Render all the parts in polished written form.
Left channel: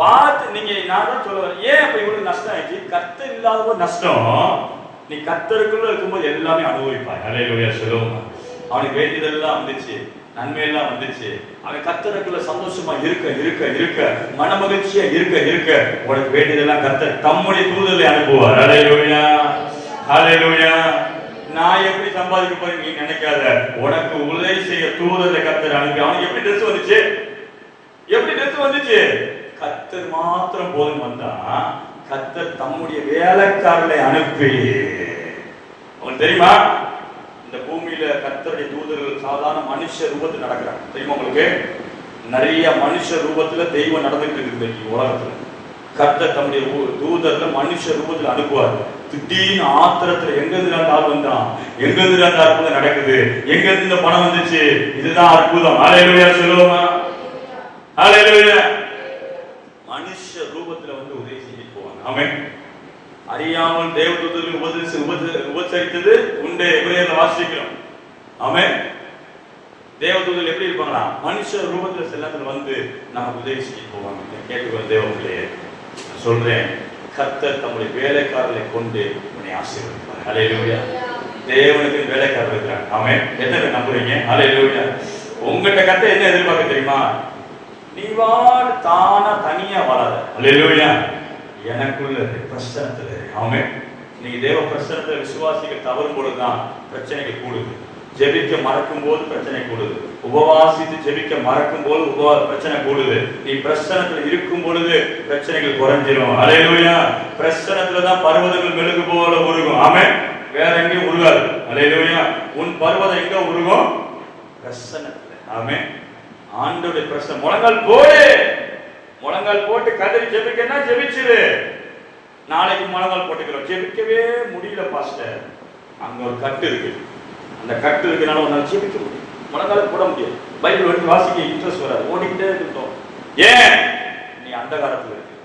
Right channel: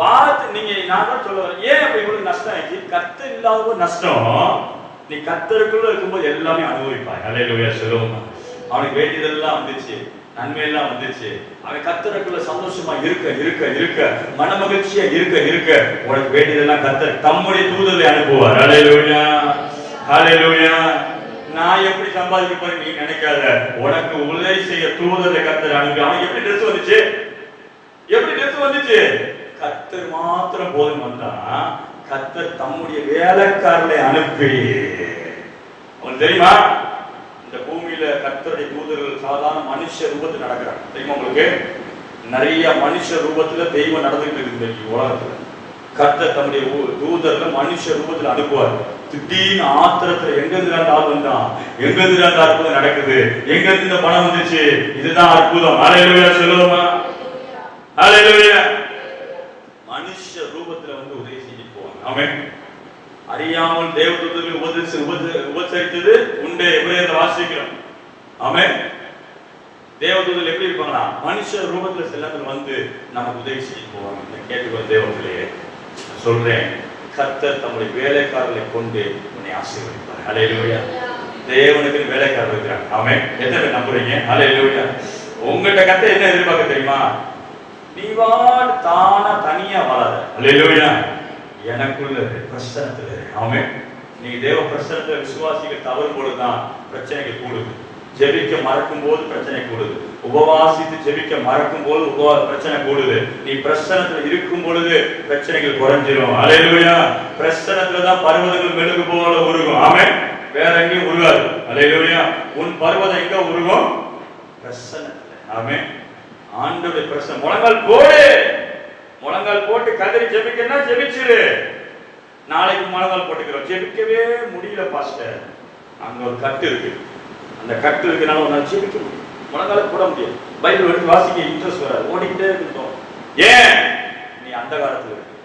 பார்த்து நீங்க நான் தான் சொல்ல வரேன், ஏன் அப்ப இவ்வளவு நஷ்டம் ஆயிடுச்சு? கர்த்தர் இல்லாத ஒரு நஷ்டம். நீ கர்த்தருக்குள்ள இருக்கும்போது எல்லாமே அனுபவிப்பாய். அல்லேலூயா சொல்லுவோம். அவனுக்கு வேண்டியதெல்லாம் வந்துச்சு, நன்மை எல்லாம் வந்துச்சு. அவன் கர்த்தருக்குள்ள சந்தோஷமா இருக்க இருக்க இருக்க மன மகிழ்ச்சியா இருக்க இருக்க உனக்கு வேண்டியதெல்லாம் கர்த்தர் தம்முடைய தூதர்களை அனுப்புவார். அல்லேலூயா அல்லேலூயா. நான் எப்படி சம்பாதிக்க போறேன் நீ நினைக்காத. உனக்கு உதவி செய்ய தூதர்களை கர்த்தர் அனுப்பி. அவனுக்கு எப்படி ட்ரெஸ் வந்துச்சு? எப்படி ட்ரெஸ் வந்துச்சு? கர்த்தர் மாத்திரம் போதும் வந்தா கர்த்தர் தம்முடைய வேலைக்காரர்களை அனுப்பி. அவன் தெரியுமா, இந்த பூமியில கர்த்தருடைய தூதர்கள் சாதாரண மனுஷ ரூபத்தில் நடக்கிறாங்க. தெரியுமா உங்களுக்கு? நிறைய மனுஷ ரூபத்துல தெய்வம் நடந்துட்டு இருக்கு உலகத்துல. கர்த்தர் தம்முடைய தூதர்ல மனுஷ ரூபத்தில் அனுப்புவார். திடீர்னு ஆத்திரத்துல எங்க இருந்து அந்த ஆள் வந்தான், எங்க இருந்து அந்த அற்புதம் நடக்குது, எங்க இருந்து இந்த பணம் வந்துச்சு, இதுதான் அற்புதம். அல்லேலூயா சொல்லுவோமா? அல்லேலூயா. மனுஷ ரூபத்துல வந்து உதவி செஞ்சுட்டு போவாங்க. ஆமென். அறியாமல் தேவதூதர்கள் உபசரித்தது உண்டு. எபிரேயர்ல வாசிக்கிறோம். ஆமென். தேவதூதர்கள் எப்படி இருப்பாங்களா? மனுஷ ரூபத்துல செல்லத்துல வந்து நமக்கு உதவி செஞ்சுட்டு போவாங்க. கேட்டுக்கோ தேவர்களே, சொல்றேன், கர்த்தர் தம்முடைய வேலைக்காரர்களை கொண்டு உன்னை ஆசீர்வதிப்பார். அல்லேலூயா. தேவனுக்கு வேலைக்காரர் இருக்கிறாங்க. ஆமென். எத்தனை பேர் நம்புறீங்க? அல்லேலூயா. உங்ககிட்ட கர்த்தர் என்ன எதிர்பார்க்க தெரியுமா? நீ வாடு தானா தனியா வராத. அல்லேலூயா. எனக்குள்ள பிரச்சனத்துல. ஆமென். நீங்க தேவ பிரச்சனத்துல விசுவாசிகள் தவறும் பொழுதுதான் பிரச்சனைகள் கூடுது. ஜெபிக்க மறக்கும் போது பிரச்சனை கூடுது. உபவாசித்து ஜெபிக்க மறக்கும் போது பிரச்சனை கூடுது. நீ பிரச்சனத்துல இருக்கும் பொழுது பிரச்சனைகள் குறைஞ்சிரும். அல்லேலூயா. பிரச்சனத்துலதான் பர்வதங்கள் மெழுகு போல உருகும். ஆமென். வேற எங்கேயும் உருகாது. அல்லேலூயா. உன் பர்வதம் எங்க உருகும்? பிரச்சனத்துல. ஆமென். ஆண்டவருடைய பிரச்சனை. முழங்கால் போடு. முழங்கால் போட்டு கதறி ஜெபிக்கன்னா ஜெபிச்சிரு. நாளைக்கு முழங்கால் போட்டுக்கிறோம், ஜெபிக்கவே முடியல பாஸ்டர், அங்க ஒரு கட்டு இருக்கு. அந்த கட்டு இருக்கனால ஒரு நாள் ஜெபிக்க முடியும், முழங்கால போட முடியாது. பைபிள் எடுத்து வாசிக்க இன்ட்ரெஸ்ட் வராது, ஓடிக்கிட்டே இருக்கட்டும். ஏன்? நீ அந்த காலத்துல இருக்கு,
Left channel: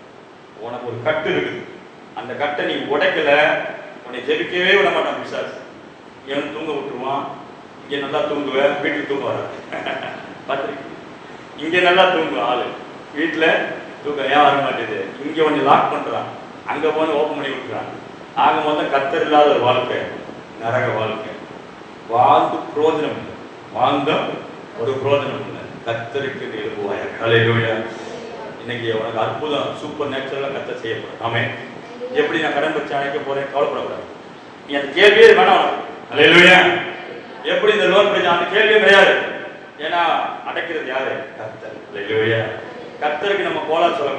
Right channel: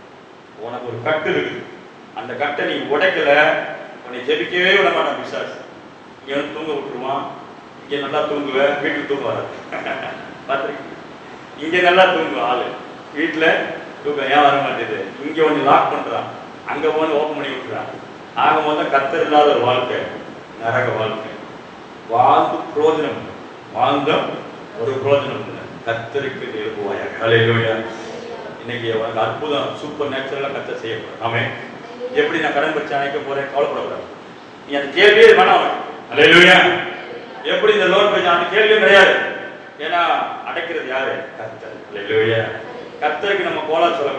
உனக்கு ஒரு கட்டு இருக்கு. அந்த கட்டை நீ உடைக்கல, உன்னை ஜெபிக்கவே விட மாட்டான் பிசாசு. இங்க வந்து தூங்க விட்டுருவான். இங்க நல்லா தூங்குவ, வீட்டுக்கு தூங்க வராது. பார்த்துருக்கீங்க? இங்க நல்லா தூங்கும் ஆளு, வீட்டுல தூங்க ஏன் வர மாட்டேது? இங்க கொஞ்சம் லாக் பண்றான், அங்க போன ஓப்பன் பண்ணி விட்டுறான். ஆக மொத்தம் கர்த்தர் இல்லாத ஒரு வாழ்க்கை நரக வாழ்க்கை. வாழ்ந்து புரோஜனம் இல்லை, வாழ்ந்தும் ஒரு புரோஜனம் இல்லை. கர்த்தருக்கு எழுப்புவாயா. அல்லேலூயா. இன்னைக்கு உனக்கு அற்புதம் சூப்பர் நேச்சுரலா கர்த்தர் செய்ய போறேன். ஆமென். எப்படி நான் கடன் பிரச்சனை அணைக்க போறேன் கவலைப்படக்கூடாது. நீ அந்த கேள்வியே வேணாம் உனக்கு. அல்லேலூயா. எப்படி இந்த லோன் பிரச்சனை அந்த கேள்வியும் கிடையாது. ஏன்னா அடைக்கிறது யாரு? கர்த்தர். அல்லேலூயா. கர்த்தருக்கு நம்ம கோலா சொல்ல